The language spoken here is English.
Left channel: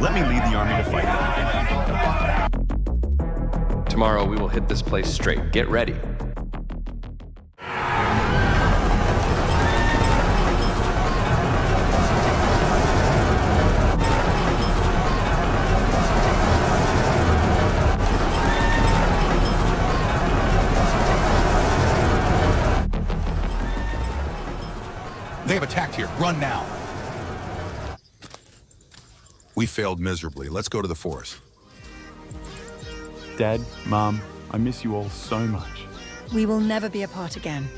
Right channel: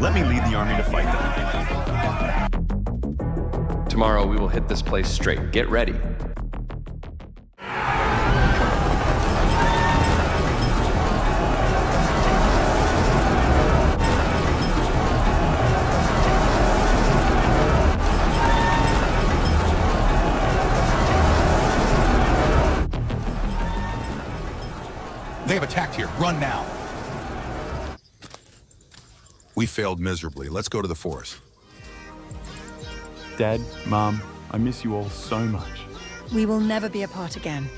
Let me lead the army to fight them. Tomorrow we will hit this place straight. Get ready. They have attacked here. Run now. We failed miserably. Let's go to the forest. Dad, Mom, I miss you all so much. We will never be apart again.